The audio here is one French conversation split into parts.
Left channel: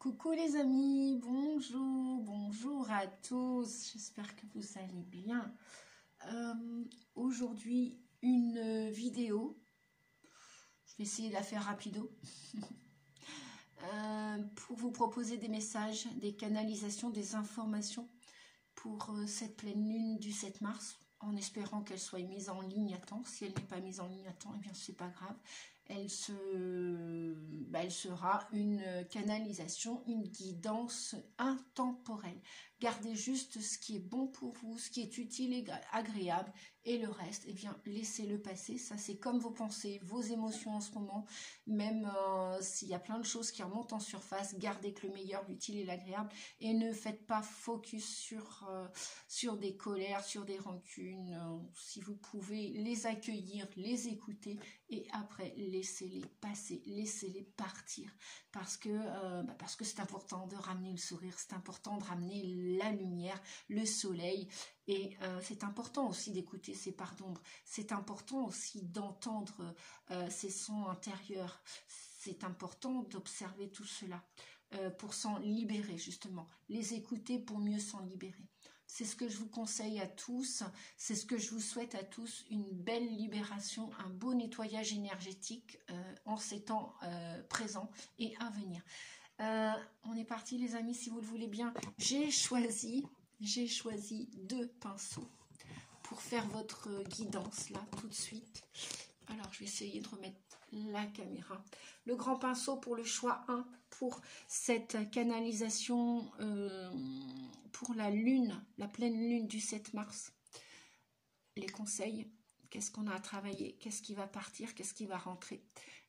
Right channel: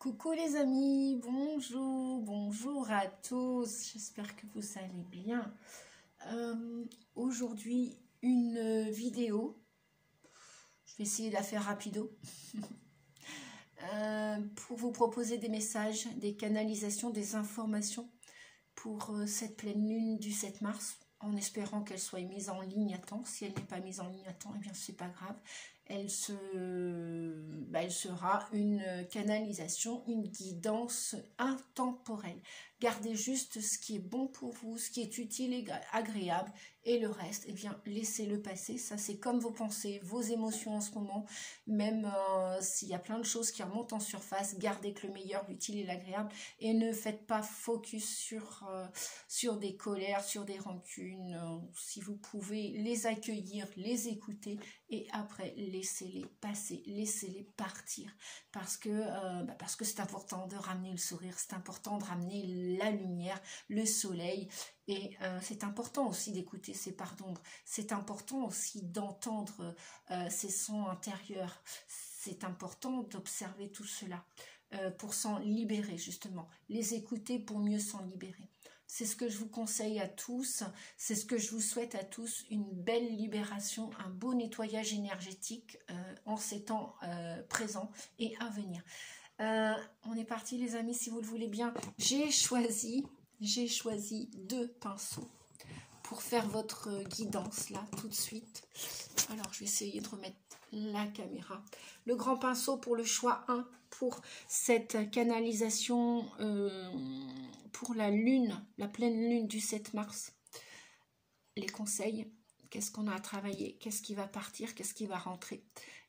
Coucou les amis, bonjour à tous, j'espère que vous allez bien. Aujourd'hui, une vidéo, je vais essayer de la faire rapido, pour vous proposer des messages, des canalisations, des informations pour cette pleine lune du 7 mars, en espérant qu'elle soit mise en ligne à temps. Si elle n'est pas mise en ligne à temps, eh bien c'est pas grave. Elle sera une canalisation, une guidance intemporelle. Gardez juste ce qui est bon pour vous, ce qui est utile et agréable, et le reste, eh bien, laissez-le passer. Ça, c'est comme vos pensées, vos émotions en ce moment. Même s'il y a plein de choses qui remontent en surface, gardez que le meilleur, l'utile et l'agréable, et ne faites pas focus sur des colères, sur des rancunes. Si vous pouvez les accueillir, les écouter, et après, laissez-les passer, laissez-les partir. Parce que c'est important de ramener le sourire, c'est important de ramener la lumière, le soleil. Et c'est important aussi d'écouter ces parts d'ombre. C'est important aussi d'entendre ces sons intérieurs. C'est important d'observer tout cela pour s'en libérer, justement. Les écouter pour mieux s'en libérer. C'est ce que je vous conseille à tous, c'est ce que je vous souhaite à tous, une belle libération, un beau nettoyage énergétique en ces temps présents et à venir. On est parti les amis, si vous le voulez bien. J'ai choisi 2 pinceaux pour faire votre guidance là tout de suite. Alors je vais essayer de remettre la caméra. Le grand pinceau pour le choix 1 pour cette canalisation pour la lune, la pleine lune du 7 mars. Les conseils, qu'est-ce qu'on a à travailler, qu'est-ce qui va partir, qu'est-ce qui va rentrer.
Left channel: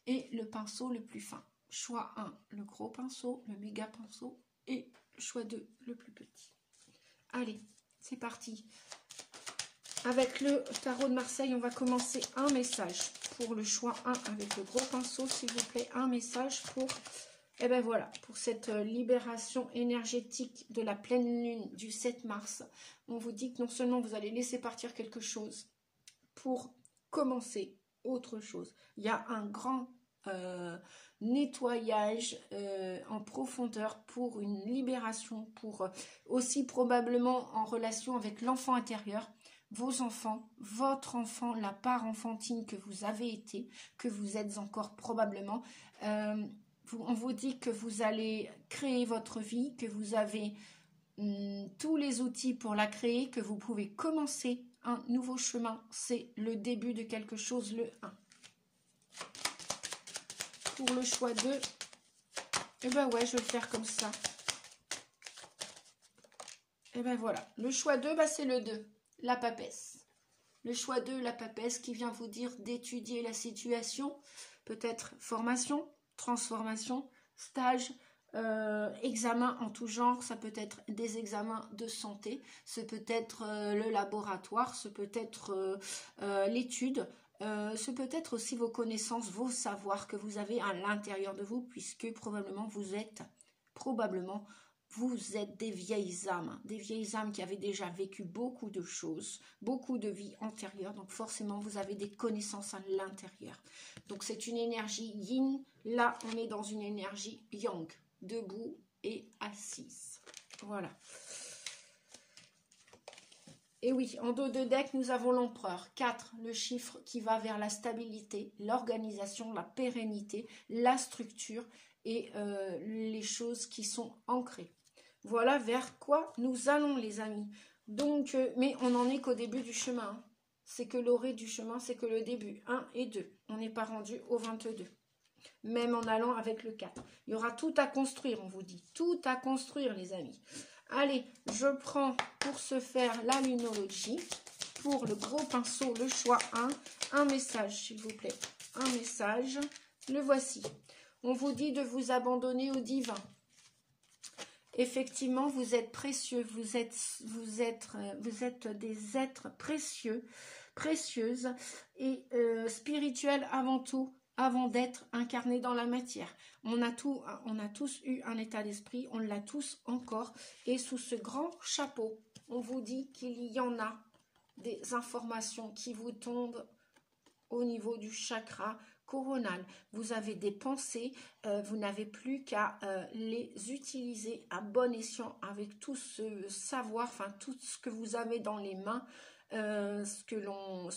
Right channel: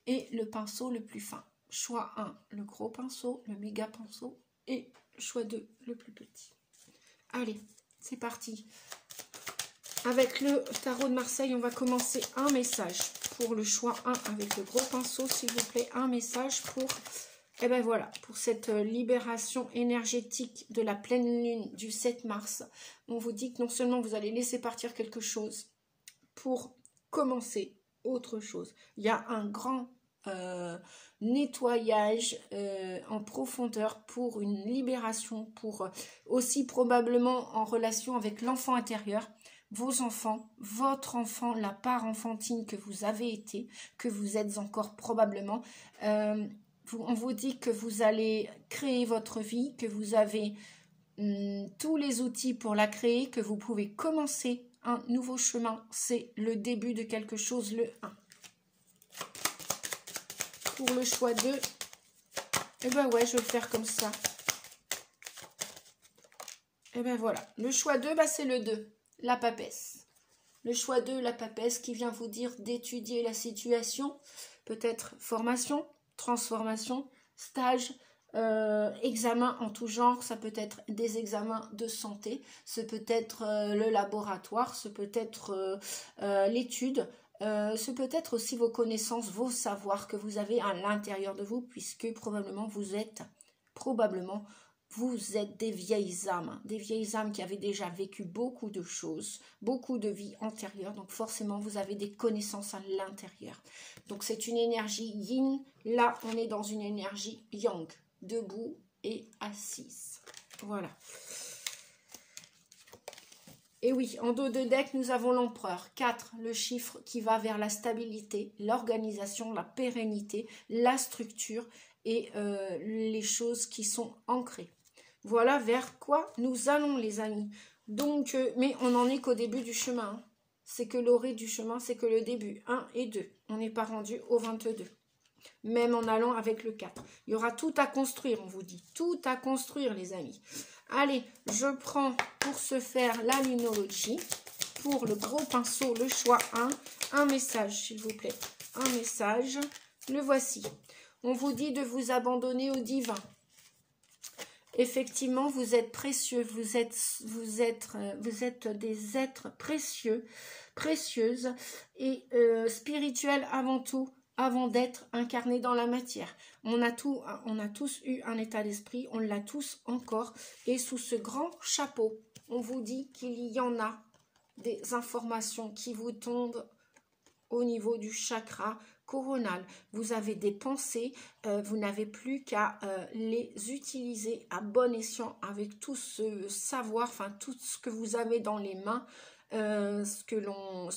Et le pinceau le plus fin. Choix 1, le gros pinceau, le méga pinceau, et choix 2, le plus petit. Allez, c'est parti. Avec le tarot de Marseille, on va commencer un message pour le choix 1 avec le gros pinceau, s'il vous plaît. Un message pour, eh ben voilà, pour cette libération énergétique de la pleine lune du 7 mars. On vous dit que non seulement vous allez laisser partir quelque chose pour commencer autre chose. Il y a un grand nettoyage en profondeur pour une libération, pour aussi probablement en relation avec l'enfant intérieur. Vos enfants, votre enfant, la part enfantine que vous avez été, que vous êtes encore probablement. On vous dit que vous allez créer votre vie, que vous avez tous les outils pour la créer, que vous pouvez commencer un nouveau chemin. C'est le début de quelque chose, le 1. Pour le choix 2, et ben ouais, je vais le faire comme ça. Et ben voilà, le choix 2, bah c'est le 2. La papesse. Le choix 2, la papesse, qui vient vous dire d'étudier la situation, peut-être formation, transformation, stage, examen en tout genre, ça peut être des examens de santé, ce peut être le laboratoire, ce peut être l'étude, ce peut être aussi vos connaissances, vos savoirs que vous avez à l'intérieur de vous, puisque probablement vous êtes des vieilles âmes qui avaient déjà vécu beaucoup de choses, beaucoup de vies antérieures. Donc forcément, vous avez des connaissances à l'intérieur. Donc c'est une énergie yin. Là, on est dans une énergie yang, debout et assise. Voilà. Et oui, en dos de deck, nous avons l'empereur. 4, le chiffre qui va vers la stabilité, l'organisation, la pérennité, la structure et les choses qui sont ancrées. Voilà vers quoi nous allons, les amis. Donc, mais on n'en est qu'au début du chemin. Hein. C'est que l'orée du chemin, c'est que le début. 1 et 2. On n'est pas rendu au 22. Même en allant avec le 4. Il y aura tout à construire, on vous dit. Tout à construire, les amis. Allez, je prends pour ce faire la lunologie. Pour le gros pinceau, le choix 1. Un message, s'il vous plaît. Un message. Le voici. On vous dit de vous abandonner au divin. Effectivement, vous êtes précieux, vous êtes des êtres précieux, précieuses et spirituels avant tout, avant d'être incarnés dans la matière. On a tous eu un état d'esprit, on l'a tous encore, et sous ce grand chapeau, on vous dit qu'il y en a des informations qui vous tombent au niveau du chakra coronal. Vous avez des pensées, vous n'avez plus qu'à les utiliser à bon escient avec tout ce savoir, enfin tout ce que vous avez dans les mains, ce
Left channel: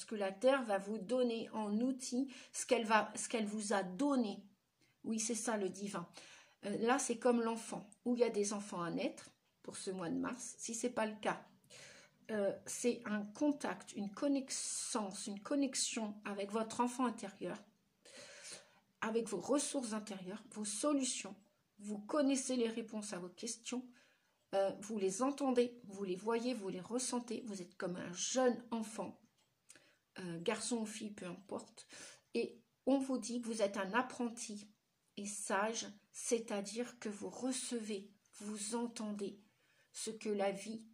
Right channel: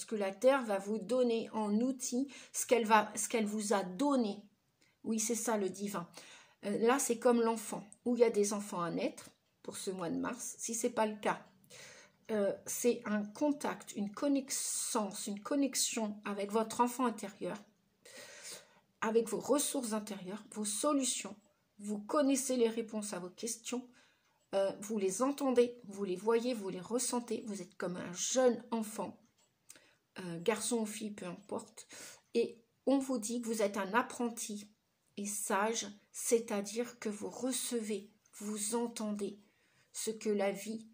que la Terre va vous donner en outil, ce qu'elle vous a donné. Oui, c'est ça le divin. Là, c'est comme l'enfant, où il y a des enfants à naître pour ce mois de mars. Si ce n'est pas le cas, c'est un contact, une connaissance, une connexion avec votre enfant intérieur, avec vos ressources intérieures, vos solutions. Vous connaissez les réponses à vos questions, vous les entendez, vous les voyez, vous les ressentez. Vous êtes comme un jeune enfant, garçon ou fille, peu importe. Et on vous dit que vous êtes un apprenti et sage, c'est-à-dire que vous recevez, vous entendez ce que la vie,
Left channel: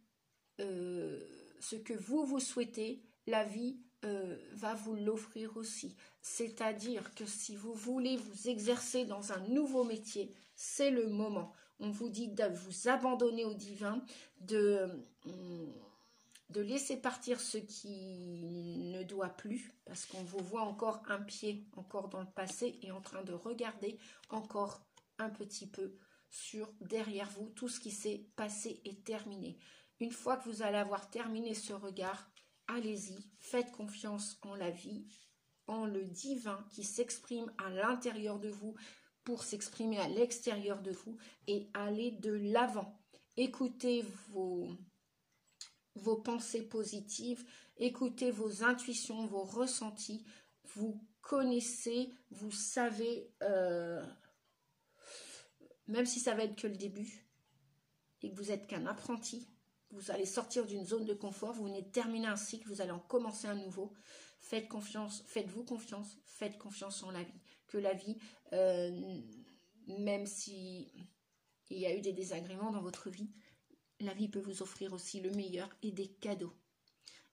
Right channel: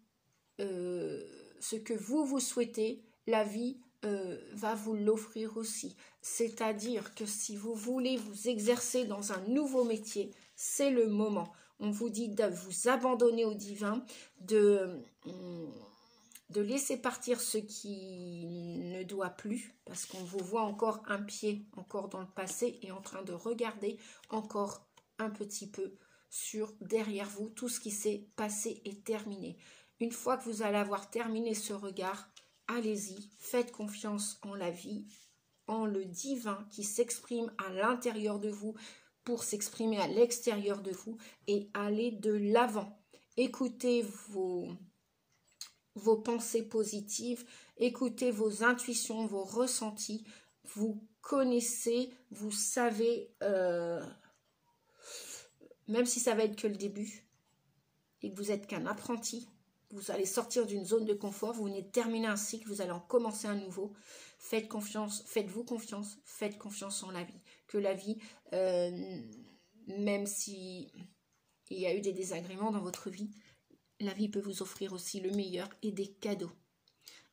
ce que vous souhaitez, la vie va vous l'offrir aussi. C'est-à-dire que si vous voulez vous exercer dans un nouveau métier, c'est le moment. On vous dit de vous abandonner au divin, de laisser partir ce qui ne doit plus, parce qu'on vous voit encore un pied, encore dans le passé, et en train de regarder encore un petit peu sur derrière vous. Tout ce qui s'est passé est terminé. Une fois que vous allez avoir terminé ce regard, allez-y, faites confiance en la vie, en le divin qui s'exprime à l'intérieur de vous pour s'exprimer à l'extérieur de vous, et allez de l'avant. Écoutez vos pensées positives, écoutez vos intuitions, vos ressentis, vous connaissez, vous savez, même si ça va être que le début, et que vous n'êtes qu'un apprenti, vous allez sortir d'une zone de confort, vous venez de terminer un cycle, vous allez en commencer un nouveau. Faites confiance, faites-vous confiance, faites confiance en la vie. Que la vie, même si il y a eu des désagréments dans votre vie, la vie peut vous offrir aussi le meilleur et des cadeaux.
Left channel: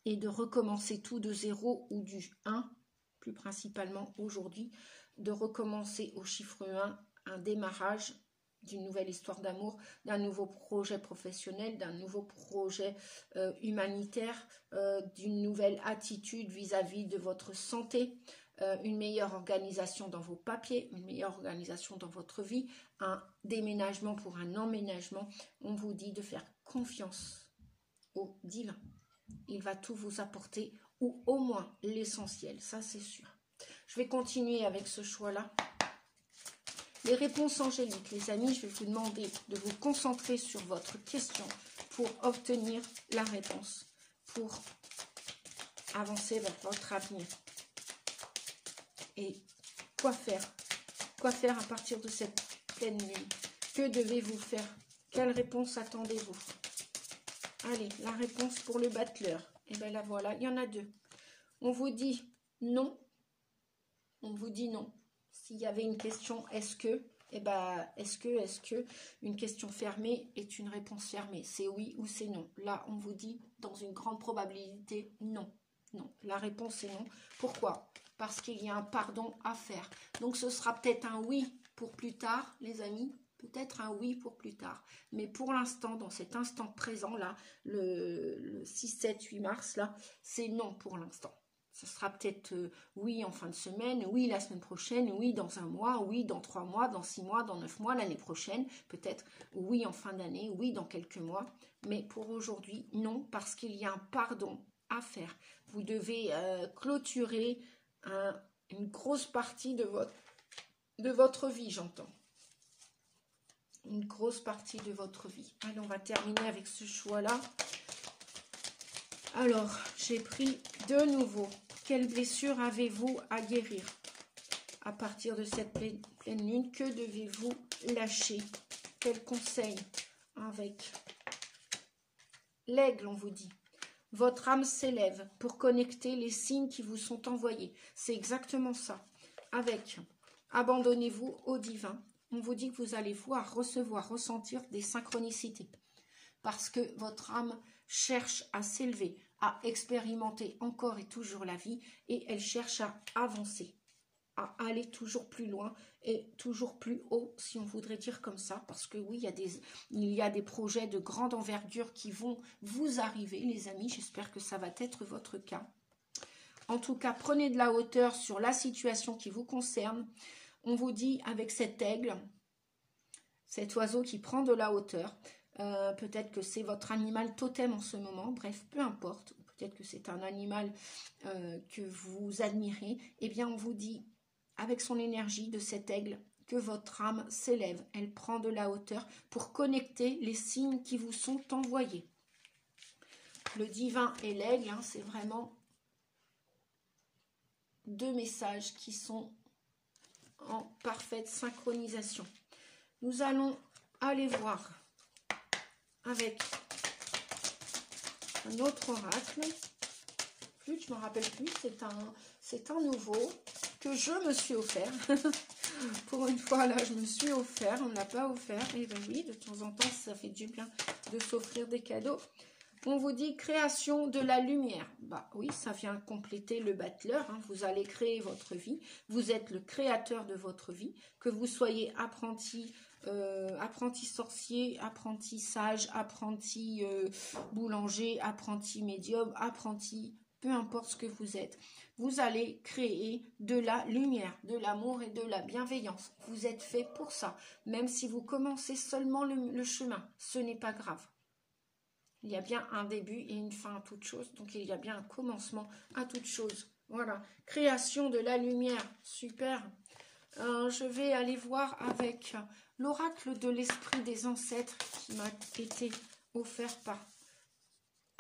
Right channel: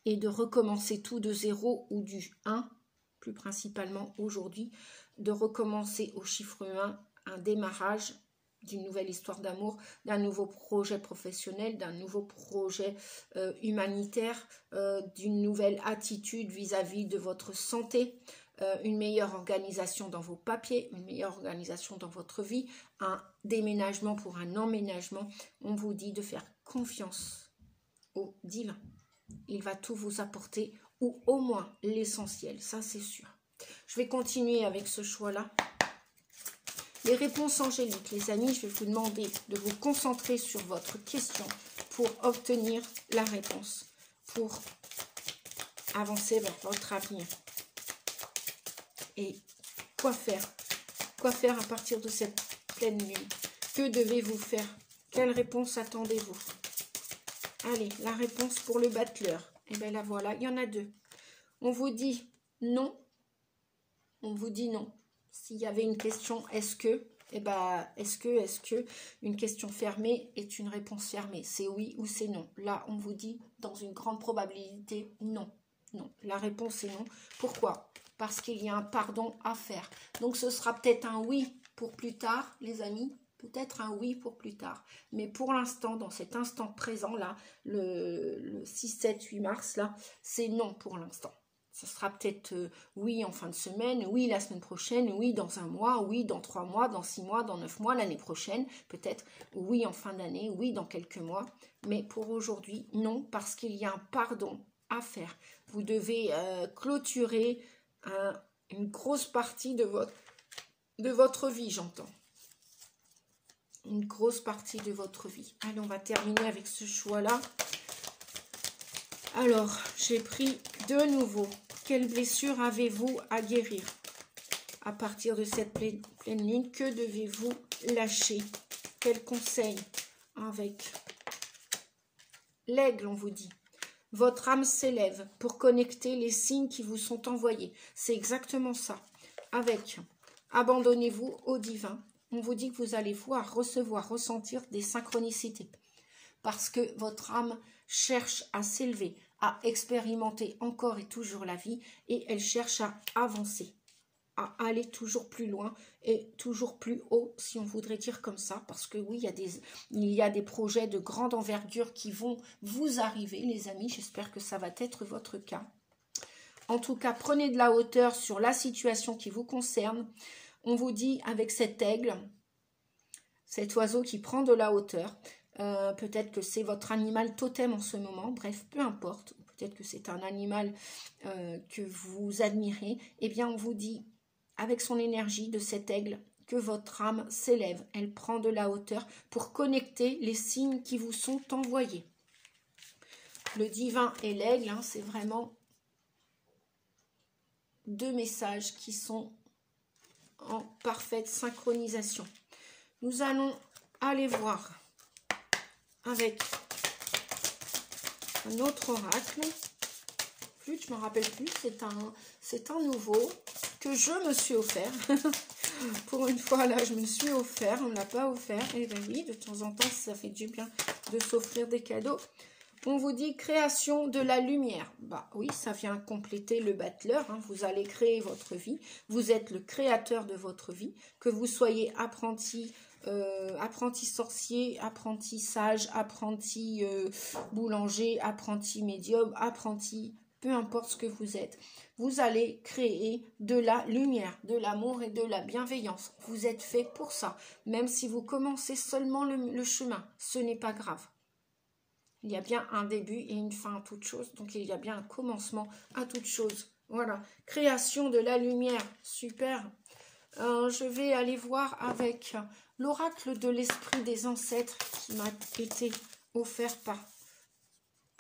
Et de recommencer tout de 0 ou du 1, plus principalement aujourd'hui, de recommencer au chiffre 1, un démarrage d'une nouvelle histoire d'amour, d'un nouveau projet professionnel, d'un nouveau projet humanitaire, d'une nouvelle attitude vis-à-vis de votre santé, une meilleure organisation dans vos papiers, une meilleure organisation dans votre vie, un déménagement pour un emménagement. On vous dit de faire confiance au divin. Il va tout vous apporter, ou au moins l'essentiel, ça c'est sûr. Je vais continuer avec ce choix-là. Les réponses angéliques, les amis, je vais vous demander de vous concentrer sur votre question pour obtenir la réponse, pour avancer vers votre avenir. Et quoi faire? Quoi faire à partir de cette pleine lune? Que devez-vous faire? Quelle réponse attendez-vous? Allez, la réponse pour le battleur. Et bien la voilà, il y en a deux. On vous dit non. On vous dit non. S'il y avait une question, est-ce que, eh ben, est-ce que, une question fermée est une réponse fermée? C'est oui ou c'est non. Là, on vous dit, dans une grande probabilité, non. Non, la réponse est non. Pourquoi? Parce qu'il y a un pardon à faire. Donc, ce sera peut-être un oui pour plus tard, les amis. Peut-être un oui pour plus tard. Mais pour l'instant, dans cet instant présent, là, le 6, 7, 8 mars, là, c'est non pour l'instant. Ce sera peut-être oui en fin de semaine, oui la semaine prochaine, oui dans un mois, oui dans 3 mois, dans 6 mois, dans 9 mois, l'année prochaine, peut-être oui en fin d'année, oui dans quelques mois. Mais pour aujourd'hui, non, parce qu'il y a un pardon à faire. Vous devez clôturer une grosse partie de votre vie, j'entends. Une grosse partie de votre vie. Allez, on va terminer avec ce choix-là. Alors, j'ai pris de nouveau. Quelle blessure avez-vous à guérir? À partir de cette pleine lune, que devez-vous lâcher? Quel conseil? Avec l'aigle, on vous dit. Votre âme s'élève pour connecter les signes qui vous sont envoyés. C'est exactement ça. Avec abandonnez-vous au divin. On vous dit que vous allez voir, recevoir, ressentir des synchronicités. Parce que votre âme cherche à s'élever, à expérimenter encore et toujours la vie, et elle cherche à avancer, à aller toujours plus loin et toujours plus haut, si on voudrait dire comme ça, parce que oui, il y a des projets de grande envergure qui vont vous arriver, les amis, j'espère que ça va être votre cas. En tout cas, prenez de la hauteur sur la situation qui vous concerne. On vous dit avec cet aigle, cet oiseau qui prend de la hauteur, peut-être que c'est votre animal totem en ce moment, bref, peu importe, peut-être que c'est un animal que vous admirez, eh bien on vous dit, avec son énergie de cet aigle, que votre âme s'élève, elle prend de la hauteur pour connecter les signes qui vous sont envoyés. Le divin et l'aigle, hein, c'est vraiment deux messages qui sont en parfaite synchronisation. Nous allons aller voir avec un autre oracle. Je ne me rappelle plus, c'est un nouveau que je me suis offert. Pour une fois, là, je me suis offert, on ne l'a pas offert. Et bien oui, de temps en temps, ça fait du bien de s'offrir des cadeaux. On vous dit création de la lumière. Bah oui, ça vient compléter le battleur. Hein. Vous allez créer votre vie. Vous êtes le créateur de votre vie. Que vous soyez apprenti, apprenti sorcier, apprenti sage, apprenti boulanger, apprenti médium, apprenti, peu importe ce que vous êtes. Vous allez créer de la lumière, de l'amour et de la bienveillance. Vous êtes fait pour ça. Même si vous commencez seulement le chemin, ce n'est pas grave. Il y a bien un début et une fin à toute chose. Donc, il y a bien un commencement à toute chose. Voilà. Création de la lumière. Super. Je vais aller voir avec l'oracle de l'esprit des ancêtres qui m'a été offert par...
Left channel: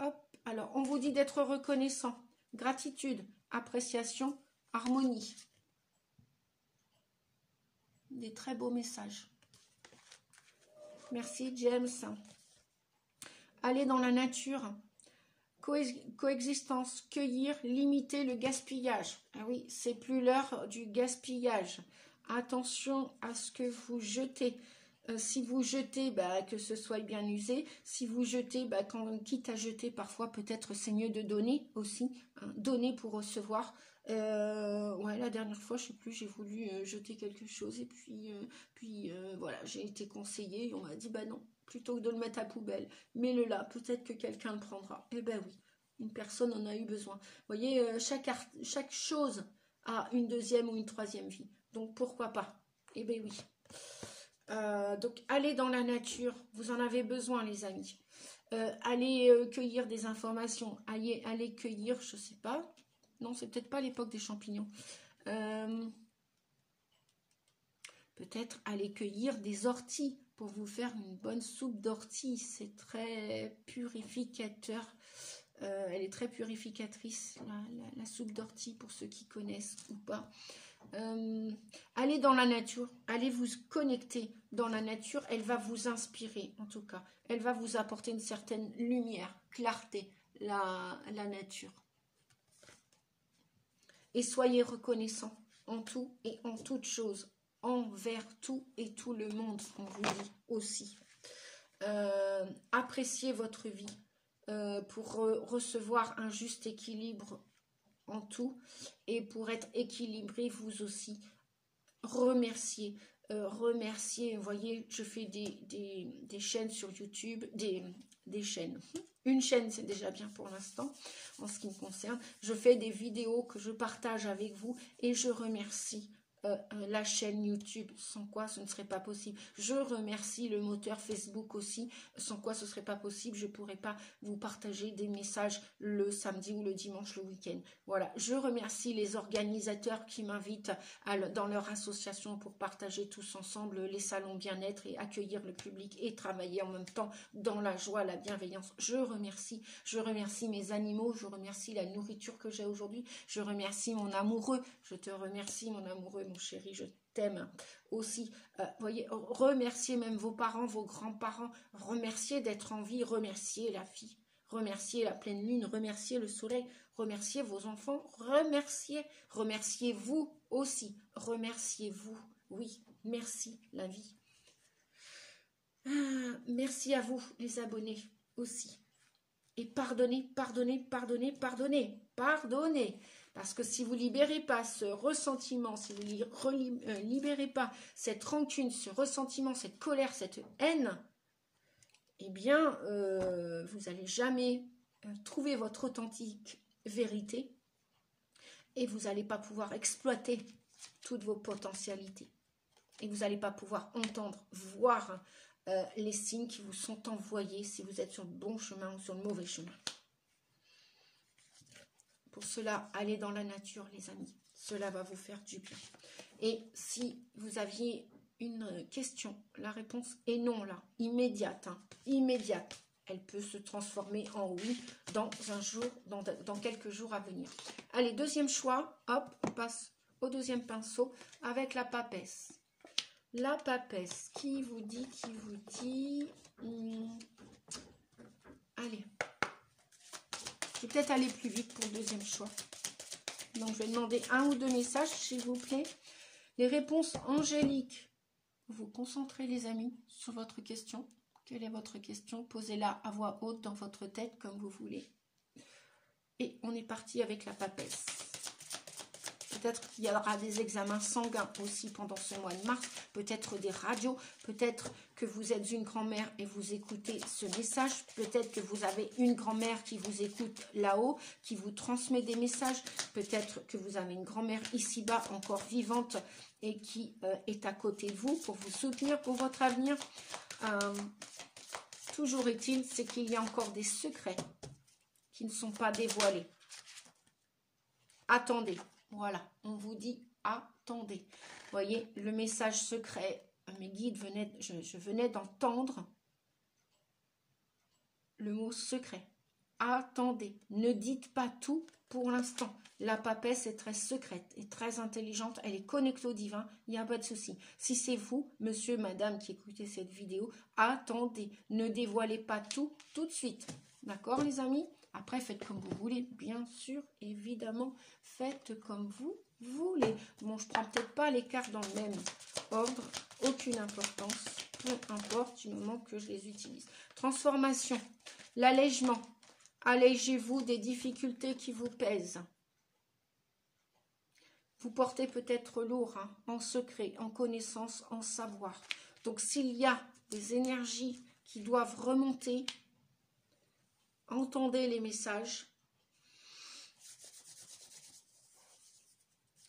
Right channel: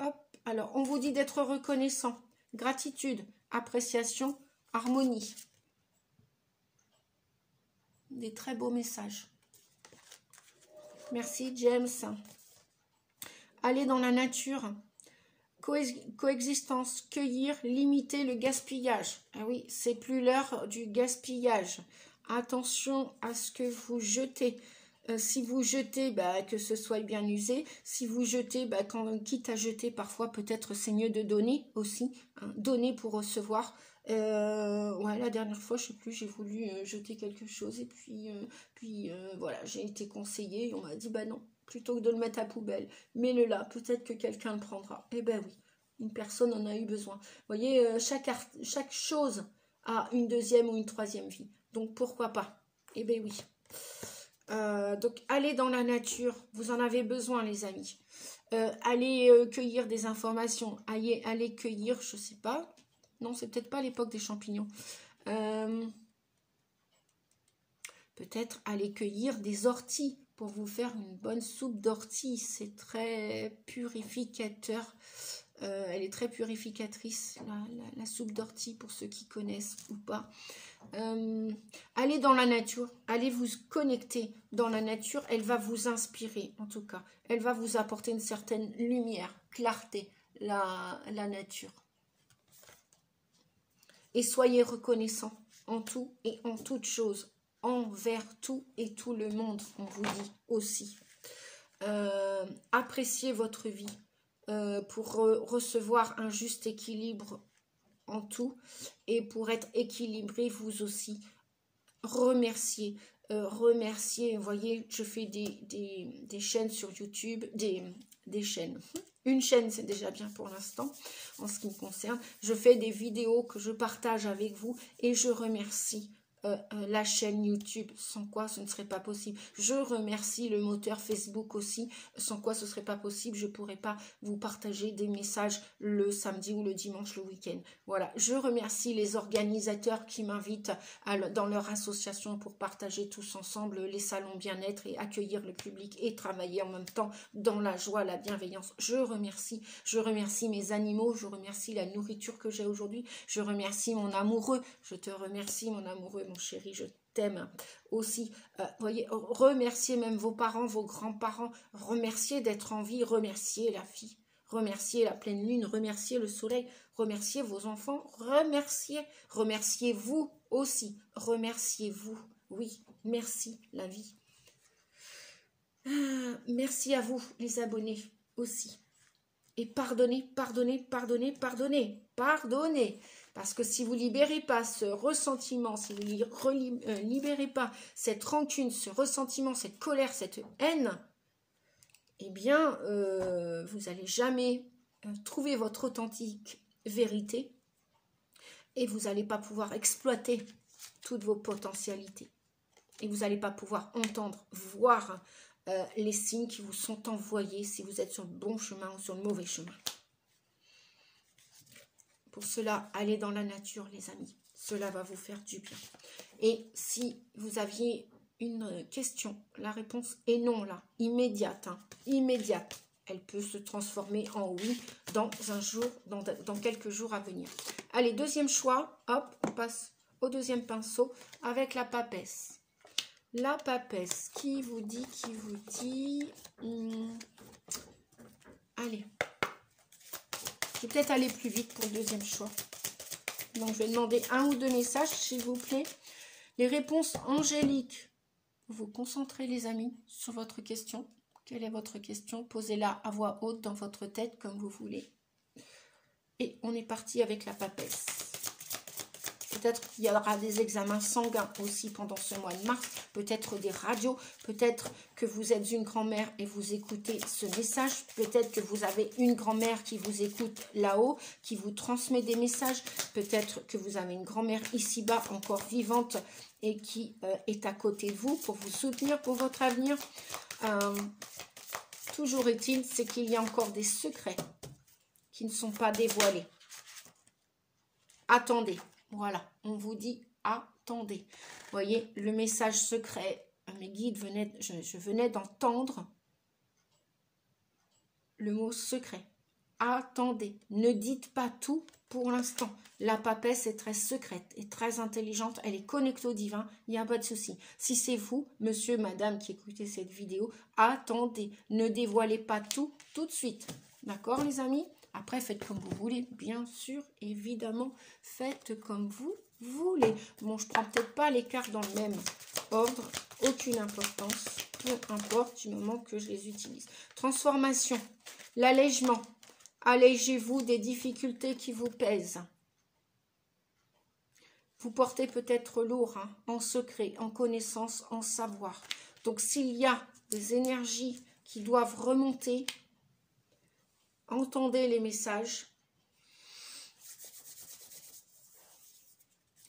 Hop. Alors, on vous dit d'être reconnaissant. Gratitude, appréciation, harmonie. Des très beaux messages. Merci, James. Aller dans la nature, coexistence, cueillir, limiter le gaspillage. Ah oui, c'est plus l'heure du gaspillage. Attention à ce que vous jetez. Si vous jetez, bah, que ce soit bien usé. Si vous jetez, bah, quitte à jeter, parfois peut-être c'est mieux de donner aussi. Hein, donner pour recevoir. Ouais, la dernière fois, je sais plus, j'ai voulu jeter quelque chose et puis voilà, j'ai été conseillée et on m'a dit bah non, plutôt que de le mettre à poubelle, mets-le là, peut-être que quelqu'un le prendra. Eh ben oui, une personne en a eu besoin. Vous voyez, chaque chose a une deuxième ou une troisième vie, donc pourquoi pas? Eh ben oui. Donc allez dans la nature, vous en avez besoin les amis. Allez cueillir des informations, allez cueillir, je sais pas. Non, c'est peut-être pas l'époque des champignons. Peut-être aller cueillir des orties pour vous faire une bonne soupe d'orties. C'est très purificateur. Elle est très purificatrice, la soupe d'orties, pour ceux qui connaissent ou pas. Allez dans la nature, allez vous connecter dans la nature. Elle va vous inspirer, en tout cas. Elle va vous apporter une certaine lumière, clarté, la nature. Et soyez reconnaissants en tout et en toute chose, envers tout et tout le monde, on vous dit aussi. Appréciez votre vie pour recevoir un juste équilibre en tout et pour être équilibré vous aussi. Remerciez, remerciez. Vous voyez, je fais des chaînes sur YouTube, des chaînes. Une chaîne, c'est déjà bien pour l'instant, en ce qui me concerne. Je fais des vidéos que je partage avec vous et je remercie la chaîne YouTube, sans quoi ce ne serait pas possible. Je remercie le moteur Facebook aussi, sans quoi ce ne serait pas possible. Je ne pourrais pas vous partager des messages le samedi ou le dimanche, le week-end. Voilà, je remercie les organisateurs qui m'invitent dans leur association pour partager tous ensemble les salons bien-être et accueillir le public et travailler en même temps dans la joie, la bienveillance. Je remercie mes animaux, je remercie la nourriture que j'ai aujourd'hui, je remercie mon amoureux, je te remercie mon amoureux, mon chéri, je t'aime aussi. Voyez, remerciez même vos parents, vos grands-parents, remerciez d'être en vie, remerciez la vie, remerciez la pleine lune, remerciez le soleil, remerciez vos enfants, remerciez-vous aussi, remerciez-vous, oui, merci la vie. Merci à vous les abonnés aussi. Et pardonnez, pardonnez, pardonnez, pardonnez, pardonnez. Parce que si vous ne libérez pas ce ressentiment, si vous ne libérez pas cette rancune, ce ressentiment, cette colère, cette haine, eh bien, vous n'allez jamais trouver votre authentique vérité. Et vous n'allez pas pouvoir exploiter toutes vos potentialités. Et vous n'allez pas pouvoir entendre, voir les signes qui vous sont envoyés si vous êtes sur le bon chemin ou sur le mauvais chemin. Pour cela, allez dans la nature, les amis. Cela va vous faire du bien. Et si vous aviez une question, la réponse est non, là, immédiate, hein, immédiate. Elle peut se transformer en oui dans un jour, dans quelques jours à venir. Allez, deuxième choix, hop, on passe au deuxième pinceau avec la papesse. La papesse, qui vous dit, allez, je vais peut-être aller plus vite pour le deuxième choix. Donc, je vais demander un ou deux messages, s'il vous plaît. Les réponses angéliques. Vous concentrez, les amis, sur votre question. Quelle est votre question? Posez-la à voix haute dans votre tête, comme vous voulez. Et on est parti avec la papesse. Peut-être qu'il y aura des examens sanguins aussi pendant ce mois de mars. Peut-être des radios. Peut-être que vous êtes une grand-mère et vous écoutez ce message. Peut-être que vous avez une grand-mère qui vous écoute là-haut, qui vous transmet des messages. Peut-être que vous avez une grand-mère ici-bas, encore vivante, et qui est à côté de vous pour vous soutenir pour votre avenir. Toujours est-il, c'est qu'il y a encore des secrets qui ne sont pas dévoilés. Attendez. Voilà, on vous dit attendez. Vous voyez, le message secret, mes guides venaient, je venais d'entendre le mot secret. Attendez, ne dites pas tout pour l'instant. La papesse est très secrète et très intelligente. Elle est connectée au divin, il n'y a pas de souci. Si c'est vous, monsieur, madame, qui écoutez cette vidéo, attendez. Ne dévoilez pas tout de suite. D'accord, les amis? Après, faites comme vous voulez, bien sûr, évidemment, faites comme vous voulez. Bon, je ne prends peut-être pas les cartes dans le même ordre, aucune importance, peu importe du moment que je les utilise. Transformation, l'allègement, allégez-vous des difficultés qui vous pèsent. Vous portez peut-être lourd, hein, en secret, en connaissance, en savoir. Donc, s'il y a des énergies qui doivent remonter, entendez les messages.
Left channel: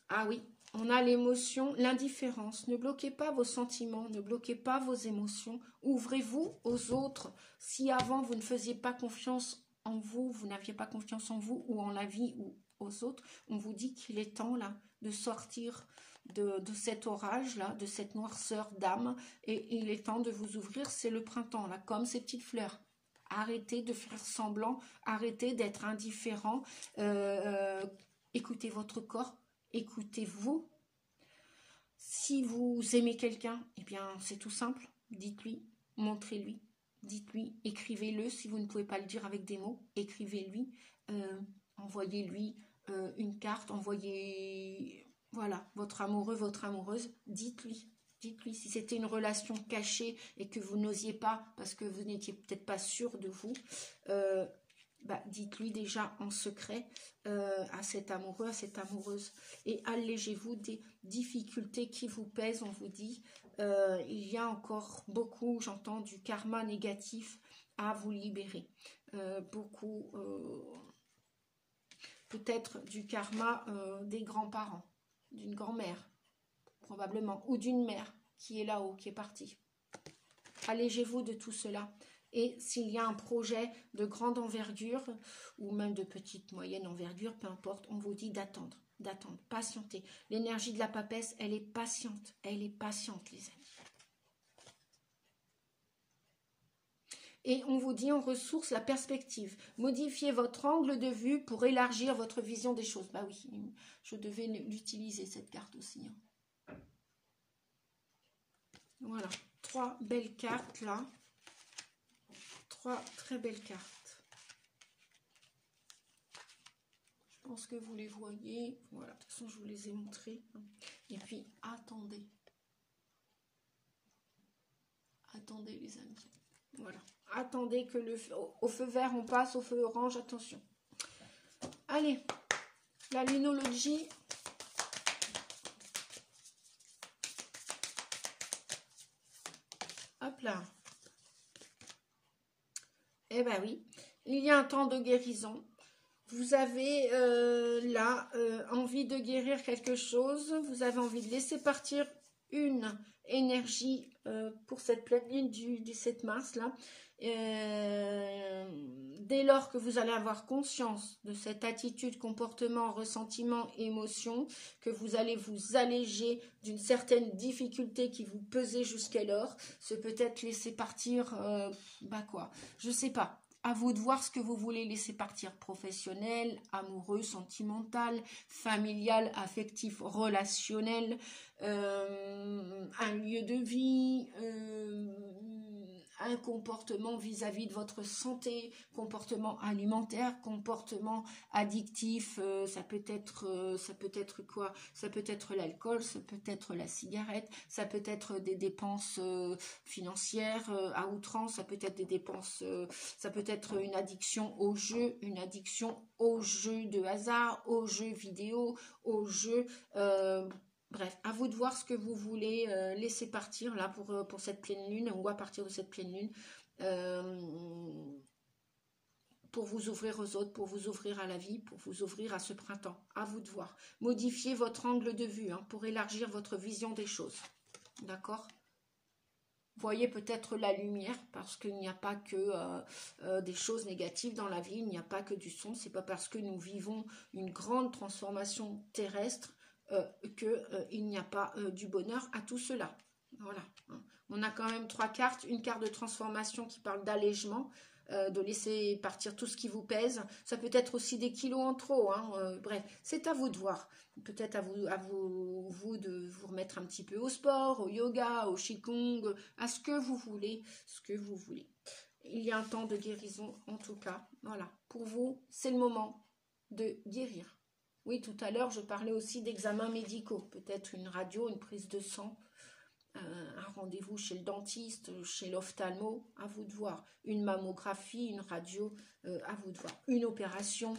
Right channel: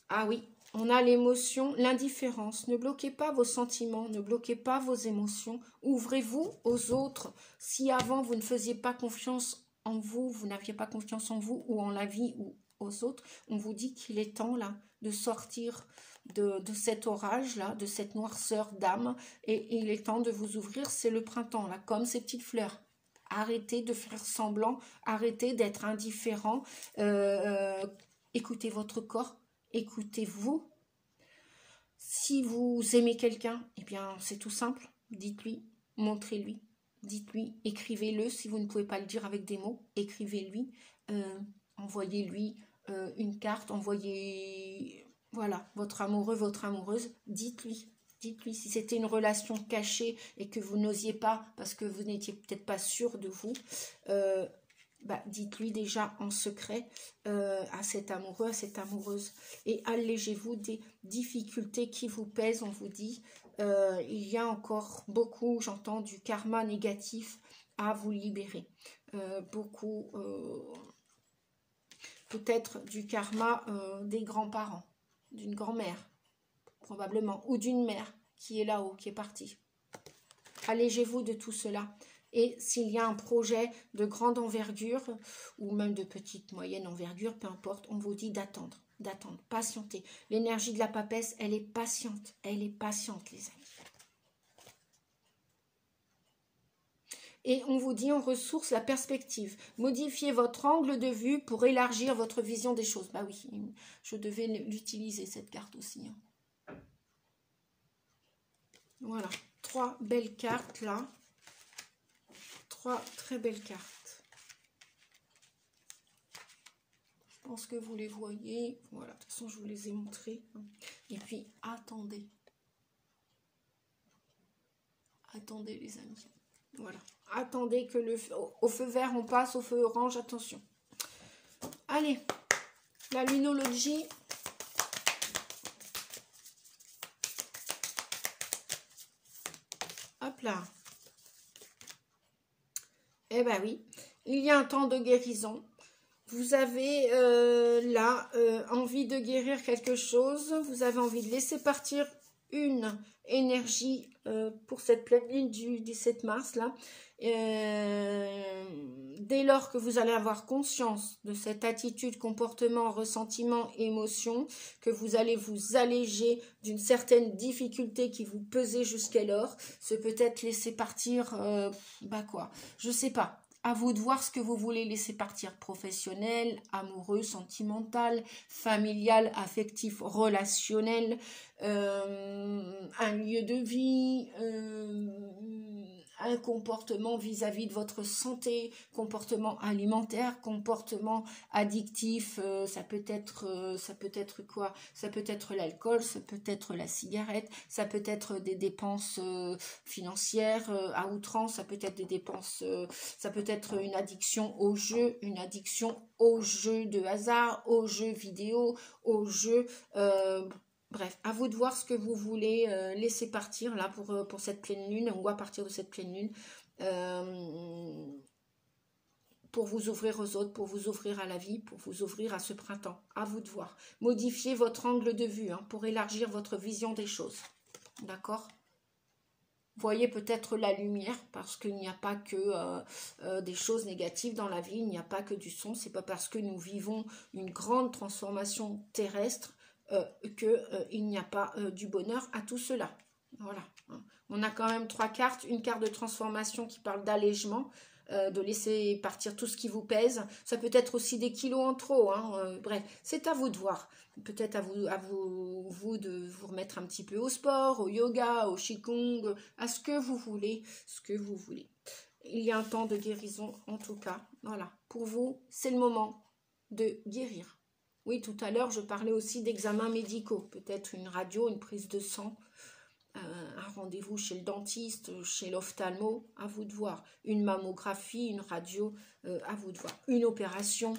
Ah oui, on a l'émotion, l'indifférence. Ne bloquez pas vos sentiments, ne bloquez pas vos émotions. Ouvrez-vous aux autres. Si avant, vous ne faisiez pas confiance en vous, vous n'aviez pas confiance en vous ou en la vie ou aux autres, on vous dit qu'il est temps là de sortir de cet orage-là, de cette noirceur d'âme. Et il est temps de vous ouvrir. C'est le printemps, là, comme ces petites fleurs. Arrêtez de faire semblant, arrêtez d'être indifférent, écoutez votre corps, écoutez-vous. Si vous aimez quelqu'un, eh bien c'est tout simple, dites-lui, montrez-lui, dites-lui, écrivez-le si vous ne pouvez pas le dire avec des mots, écrivez-lui, envoyez-lui une carte, envoyez, voilà, votre amoureux, votre amoureuse, dites-lui. Dites-lui, si c'était une relation cachée et que vous n'osiez pas, parce que vous n'étiez peut-être pas sûr de vous, dites-lui déjà en secret à cet amoureux, à cette amoureuse. Et allégez-vous des difficultés qui vous pèsent, on vous dit. Il y a encore beaucoup, j'entends, du karma négatif à vous libérer. Beaucoup, peut-être du karma des grands-parents, d'une grand-mère. Probablement, ou d'une mère qui est là-haut, qui est partie. Allégez-vous de tout cela. Et s'il y a un projet de grande envergure, ou même de petite, moyenne envergure, peu importe, on vous dit d'attendre, patienter. L'énergie de la papesse, elle est patiente, les amis. Et on vous dit en ressource la perspective. Modifiez votre angle de vue pour élargir votre vision des choses. Bah oui, je devais l'utiliser cette carte aussi, hein. Voilà, 3 belles cartes là. 3 très belles cartes. Je pense que vous les voyez. Voilà, de toute façon, je vous les ai montrées. Et puis, attendez. Attendez, les amis. Voilà. Attendez que au feu vert, on passe au feu orange. Attention. Allez, la lunologie. Hop là. Eh bien oui, il y a un temps de guérison. Vous avez là envie de guérir quelque chose. Vous avez envie de laisser partir une énergie pour cette pleine lune du 17 mars là. Dès lors que vous allez avoir conscience de cette attitude, comportement, ressentiment, émotion, que vous allez vous alléger d'une certaine difficulté qui vous pesait jusqu'alors, ce peut-être laisser partir, je sais pas. À vous de voir ce que vous voulez laisser partir, professionnel, amoureux, sentimental, familial, affectif, relationnel, un lieu de vie, un comportement vis-à-vis de votre santé, comportement alimentaire, comportement addictif, ça peut être quoi? Ça peut être l'alcool, ça peut être la cigarette, ça peut être des dépenses financières à outrance, ça peut être des dépenses, ça peut être une addiction au jeu, une addiction aux jeux de hasard, aux jeux vidéo, aux jeux... bref, à vous de voir ce que vous voulez laisser partir là pour cette pleine lune ou à partir de cette pleine lune pour vous ouvrir aux autres, pour vous ouvrir à la vie, pour vous ouvrir à ce printemps. À vous de voir. Modifiez votre angle de vue pour élargir votre vision des choses. D'accord ? Voyez peut-être la lumière parce qu'il n'y a pas que des choses négatives dans la vie, il n'y a pas que du son. C'est pas parce que nous vivons une grande transformation terrestre qu'il n'y a pas du bonheur à tout cela. Voilà. On a quand même 3 cartes. Une carte de transformation qui parle d'allègement, de laisser partir tout ce qui vous pèse. Ça peut être aussi des kilos en trop. Bref, c'est à vous de voir. Peut-être à vous de vous remettre un petit peu au sport, au yoga, au qigong, à ce que vous voulez, Il y a un temps de guérison en tout cas. Voilà. Pour vous, c'est le moment de guérir. Oui, tout à l'heure, je parlais aussi d'examens médicaux. Peut-être une radio, une prise de sang, un rendez-vous chez le dentiste, chez l'ophtalmo, à vous de voir. Une mammographie, une radio, à vous de voir. Une opération.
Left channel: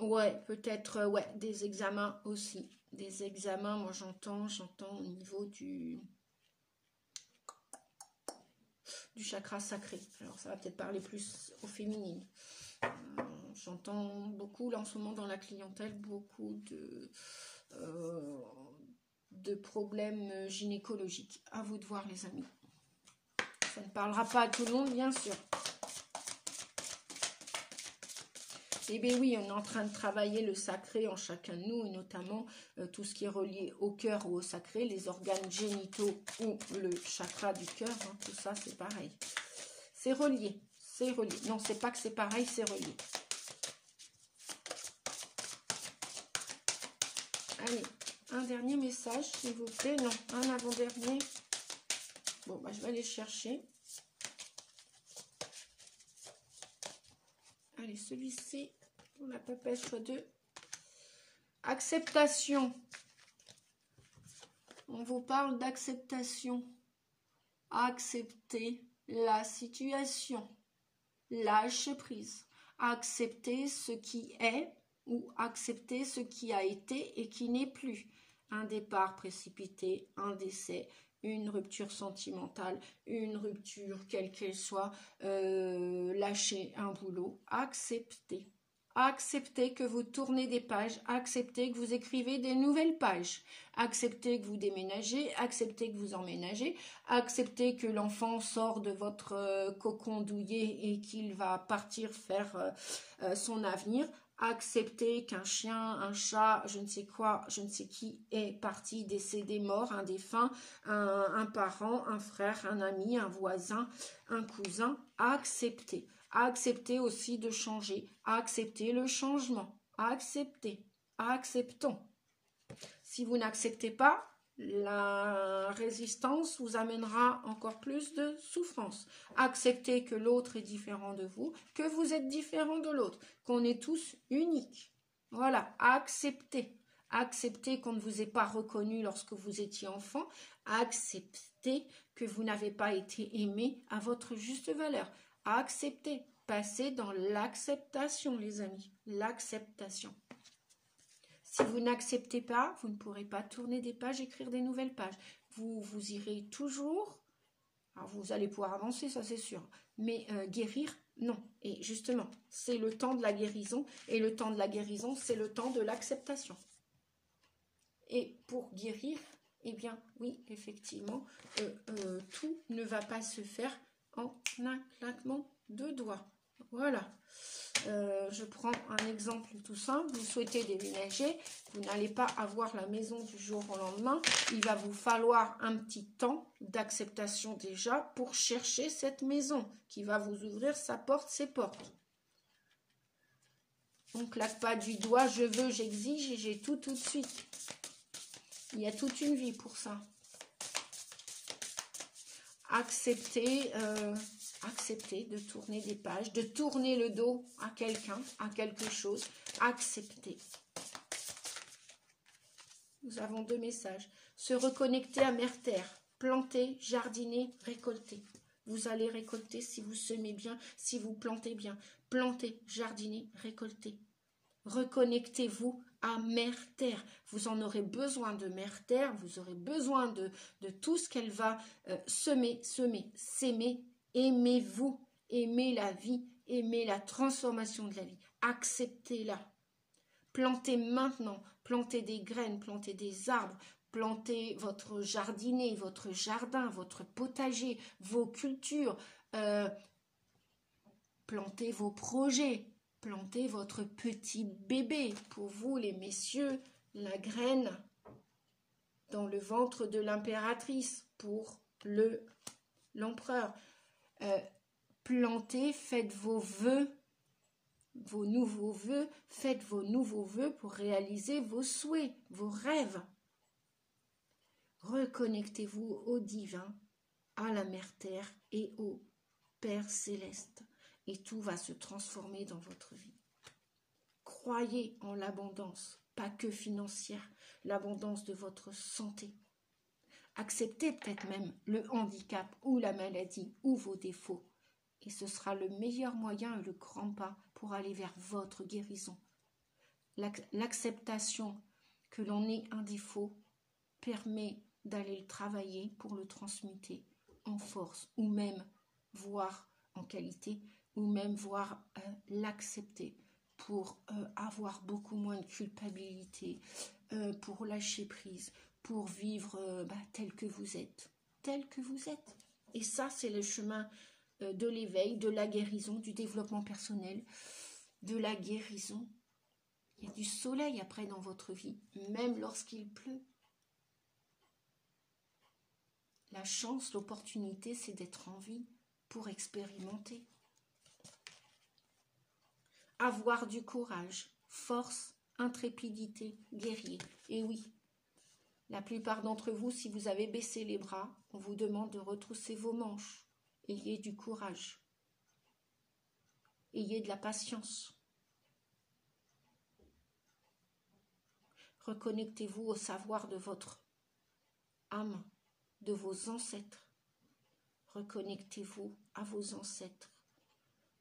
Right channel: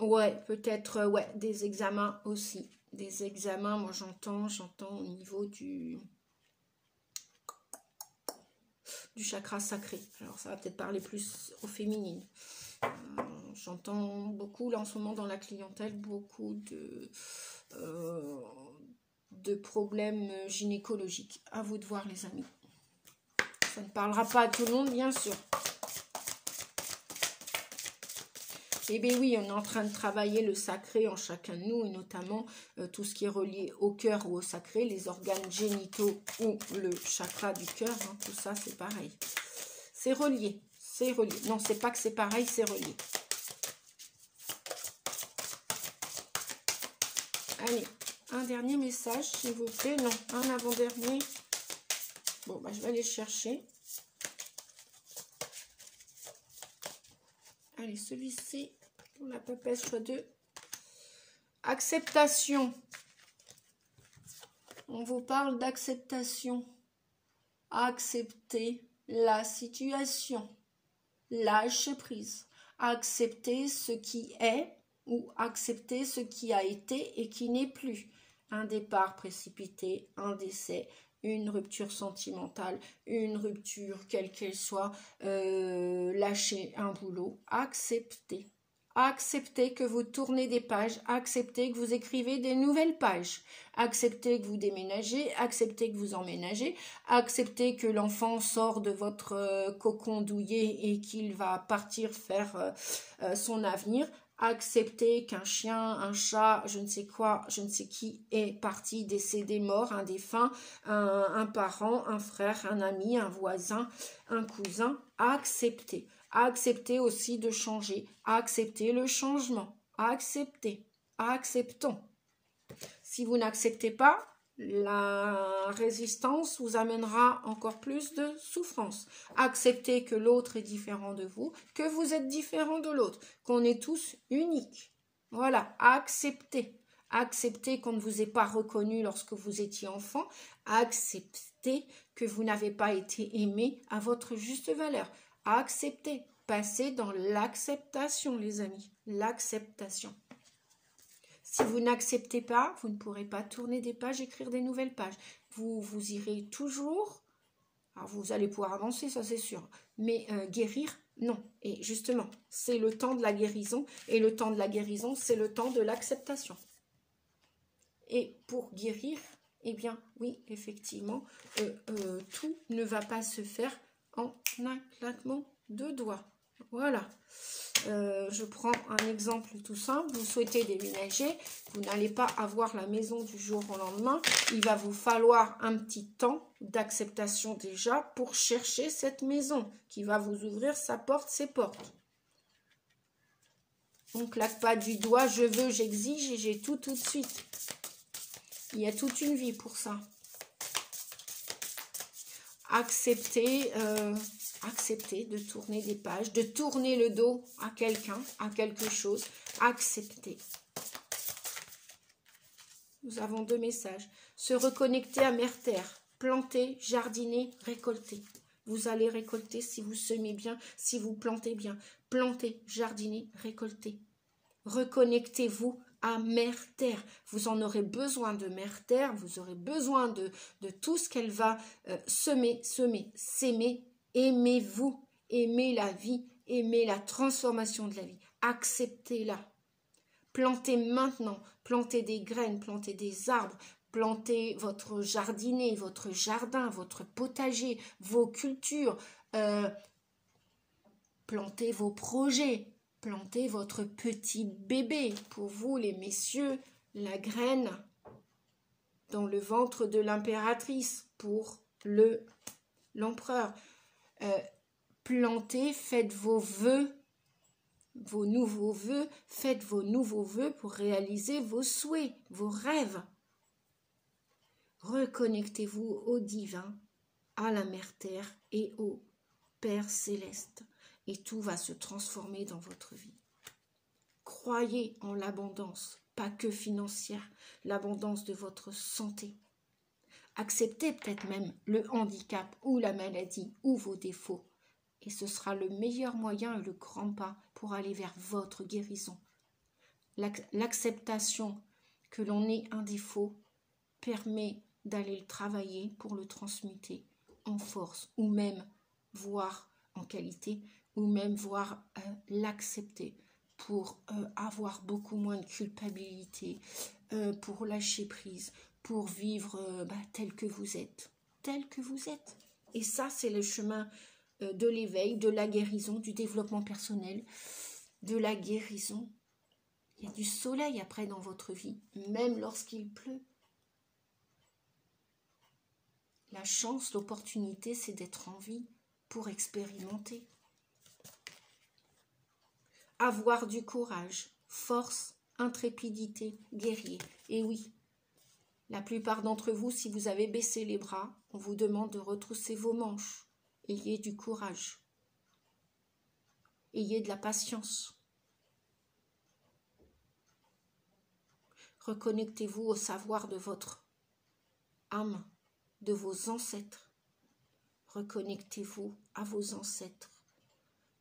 Ouais, peut-être, des examens aussi. Des examens, moi j'entends au niveau du chakra sacré. Alors ça va peut-être parler plus au féminin. J'entends beaucoup là en ce moment dans la clientèle beaucoup de problèmes gynécologiques. À vous de voir les amis. Ça ne parlera pas à tout le monde bien sûr. Eh bien oui, on est en train de travailler le sacré en chacun de nous et notamment tout ce qui est relié au cœur ou au sacré, les organes génitaux ou le chakra du cœur, tout ça c'est pareil. C'est relié. C'est relié. Non, c'est pas que c'est pareil, c'est relié. Allez, un dernier message, s'il vous plaît. Non, un avant-dernier. Bon, je vais aller chercher. Allez, celui-ci, pour la papesse choix 2. Acceptation. On vous parle d'acceptation. Accepter la situation. Lâche prise. Accepter ce qui est ou accepter ce qui a été et qui n'est plus. Un départ précipité, un décès, une rupture sentimentale, une rupture quelle qu'elle soit, lâcher un boulot. Accepter. Acceptez que vous tournez des pages, acceptez que vous écrivez des nouvelles pages, acceptez que vous déménagez, acceptez que vous emménagez, acceptez que l'enfant sort de votre cocon douillet et qu'il va partir faire son avenir, acceptez qu'un chien, un chat, je ne sais quoi, je ne sais qui est parti, décédé, mort, un défunt, un parent, un frère, un ami, un voisin, un cousin, acceptez. Acceptez aussi de changer. Acceptez le changement. Acceptez. Acceptons. Si vous n'acceptez pas, la résistance vous amènera encore plus de souffrance. Acceptez que l'autre est différent de vous, que vous êtes différent de l'autre, qu'on est tous uniques. Voilà, acceptez. Acceptez qu'on ne vous ait pas reconnu lorsque vous étiez enfant. Acceptez que vous n'avez pas été aimé à votre juste valeur. Acceptez, passez dans l'acceptation, les amis, l'acceptation. Si vous n'acceptez pas, vous ne pourrez pas tourner des pages, écrire des nouvelles pages. Vous irez toujours, alors vous allez pouvoir avancer, ça c'est sûr, mais guérir, Non. Et justement, c'est le temps de la guérison. Et le temps de la guérison, c'est le temps de l'acceptation. Et pour guérir, eh bien, oui, effectivement, tout ne va pas se faire en un claquement de doigts. Voilà. Je prends un exemple tout simple. Vous souhaitez déménager, vous n'allez pas avoir la maison du jour au lendemain. Il va vous falloir un petit temps d'acceptation déjà pour chercher cette maison qui va vous ouvrir sa porte, ses portes. On ne claque pas du doigt, je veux, j'exige et j'ai tout de suite. Il y a toute une vie pour ça. Accepter de tourner des pages, de tourner le dos à quelqu'un, à quelque chose. Accepter. Nous avons 2 messages. Se reconnecter à Mère Terre. Planter, jardiner, récolter. Vous allez récolter si vous semez bien, si vous plantez bien. Planter, jardiner, récolter. Reconnectez-vous à Mère Terre. Vous en aurez besoin de Mère Terre, vous aurez besoin de tout ce qu'elle va s'aimer. Aimez-vous, aimez la vie, aimez la transformation de la vie. Acceptez-la. Plantez maintenant, plantez des graines, plantez des arbres, plantez votre jardinet, votre jardin, votre potager, vos cultures, plantez vos projets. Plantez votre petit bébé. Pour vous, les messieurs, la graine dans le ventre de l'impératrice. Pour l'empereur. Plantez, faites vos vœux, vos nouveaux vœux. Faites vos nouveaux vœux pour réaliser vos souhaits, vos rêves. Reconnectez-vous au divin, à la Mère Terre et au Père Céleste. Et tout va se transformer dans votre vie. Croyez en l'abondance, pas que financière, l'abondance de votre santé. Acceptez peut-être même le handicap ou la maladie ou vos défauts. Et ce sera le meilleur moyen et le grand pas pour aller vers votre guérison. L'acceptation que l'on ait un défaut permet d'aller le travailler pour le transmuter en force ou même voire en qualité ou même voir l'accepter pour avoir beaucoup moins de culpabilité, pour lâcher prise, pour vivre tel que vous êtes. Tel que vous êtes. Et ça, c'est le chemin de l'éveil, de la guérison, du développement personnel, de la guérison. Il y a du soleil après dans votre vie, même lorsqu'il pleut. La chance, l'opportunité, c'est d'être en vie pour expérimenter. Avoir du courage, force, intrépidité, guerrier. Et oui, la plupart d'entre vous, si vous avez baissé les bras, on vous demande de retrousser vos manches. Ayez du courage. Ayez de la patience. Reconnectez-vous au savoir de votre âme, de vos ancêtres. Reconnectez-vous à vos ancêtres,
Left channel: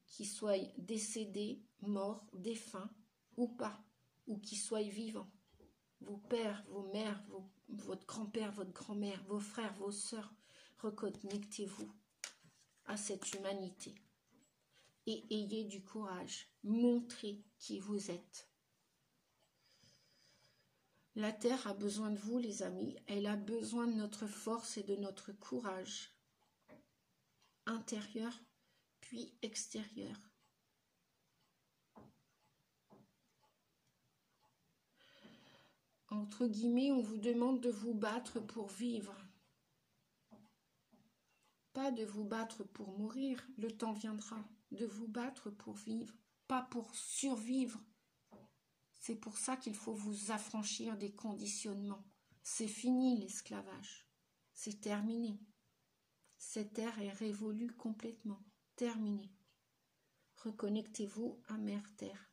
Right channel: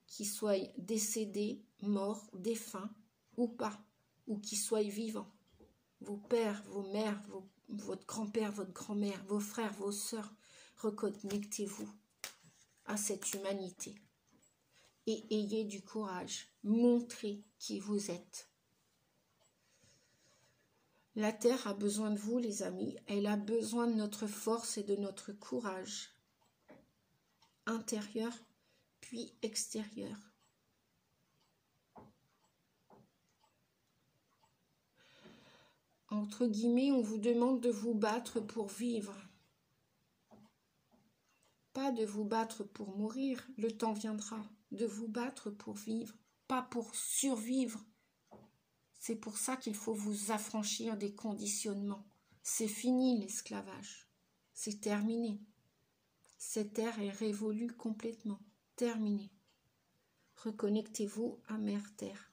qui soient décédés, morts, défunts ou pas, ou qui soient vivants. Vos pères, vos mères, votre grand-père, votre grand-mère, vos frères, vos sœurs, reconnectez-vous à cette humanité. Et ayez du courage, montrez qui vous êtes. La Terre a besoin de vous, les amis. Elle a besoin de notre force et de notre courage. Intérieur, puis extérieur. Entre guillemets, on vous demande de vous battre pour vivre. Pas de vous battre pour mourir, le temps viendra. De vous battre pour vivre, pas pour survivre. C'est pour ça qu'il faut vous affranchir des conditionnements. C'est fini l'esclavage. C'est terminé. Cette ère est révolue complètement. Terminé. Reconnectez-vous à Mère Terre.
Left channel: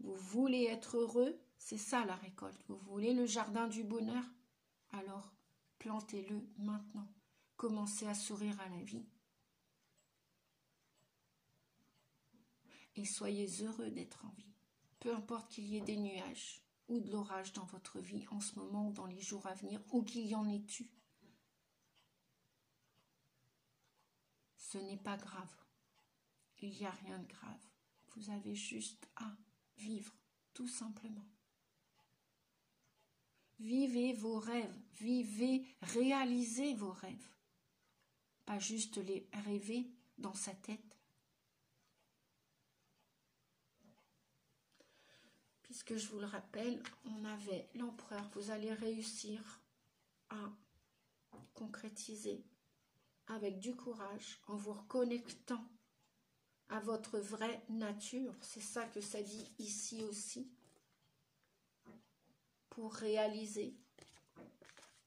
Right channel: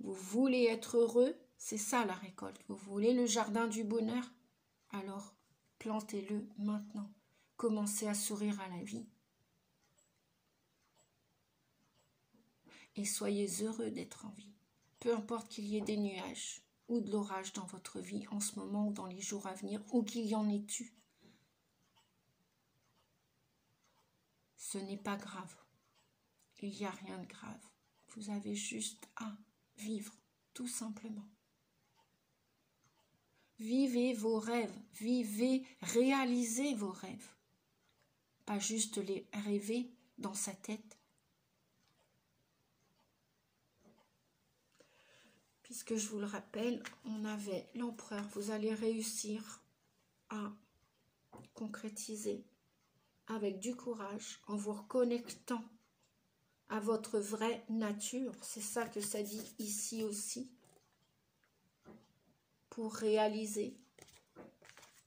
Vous voulez être heureux? C'est ça la récolte. Vous voulez le jardin du bonheur? Alors, plantez-le maintenant. Commencez à sourire à la vie. Et soyez heureux d'être en vie. Peu importe qu'il y ait des nuages ou de l'orage dans votre vie en ce moment ou dans les jours à venir, ou qu'il y en ait eu. Ce n'est pas grave. Il n'y a rien de grave. Vous avez juste à vivre, tout simplement. Vivez vos rêves, vivez, réalisez vos rêves. Pas juste les rêver dans sa tête. Puisque je vous le rappelle, on avait l'empereur. Vous allez réussir à concrétiser avec du courage, en vous reconnectant à votre vraie nature. C'est ça que ça dit ici aussi. Pour réaliser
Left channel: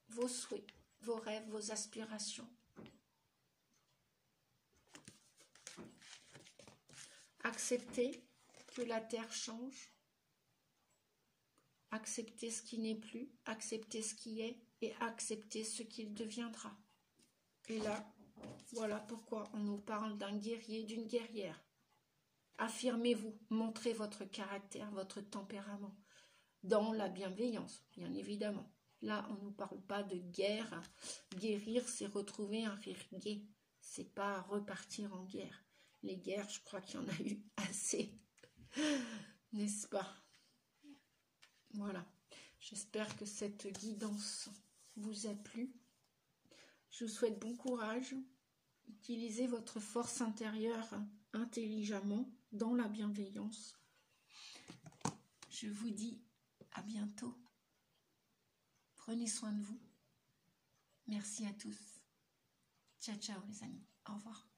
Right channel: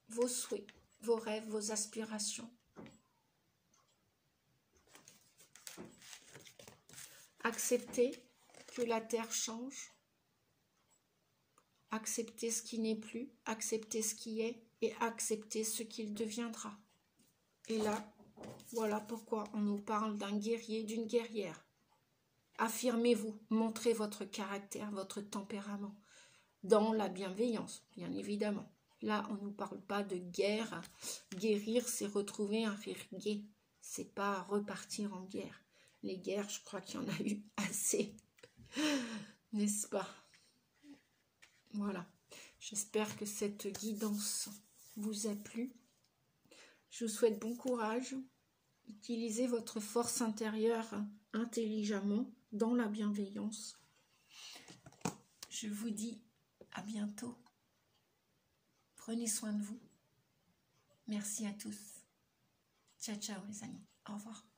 vos souhaits, vos rêves, vos aspirations. Acceptez que la terre change. Acceptez ce qui n'est plus, acceptez ce qui est et acceptez ce qu'il deviendra. Et là, voilà pourquoi on nous parle d'un guerrier, d'une guerrière. Affirmez-vous, montrez votre caractère, votre tempérament, dans la bienveillance, bien évidemment. Là, on ne nous parle pas de guerre. Guérir, c'est retrouver un rire gai. C'est pas repartir en guerre. Les guerres, je crois qu'il y en a eu assez. N'est-ce pas? Voilà. J'espère que cette guidance vous a plu. Je vous souhaite bon courage. Utilisez votre force intérieure intelligemment dans la bienveillance. Je vous dis à bientôt. Prenez soin de vous. Merci à tous. Ciao, ciao les amis. Au revoir.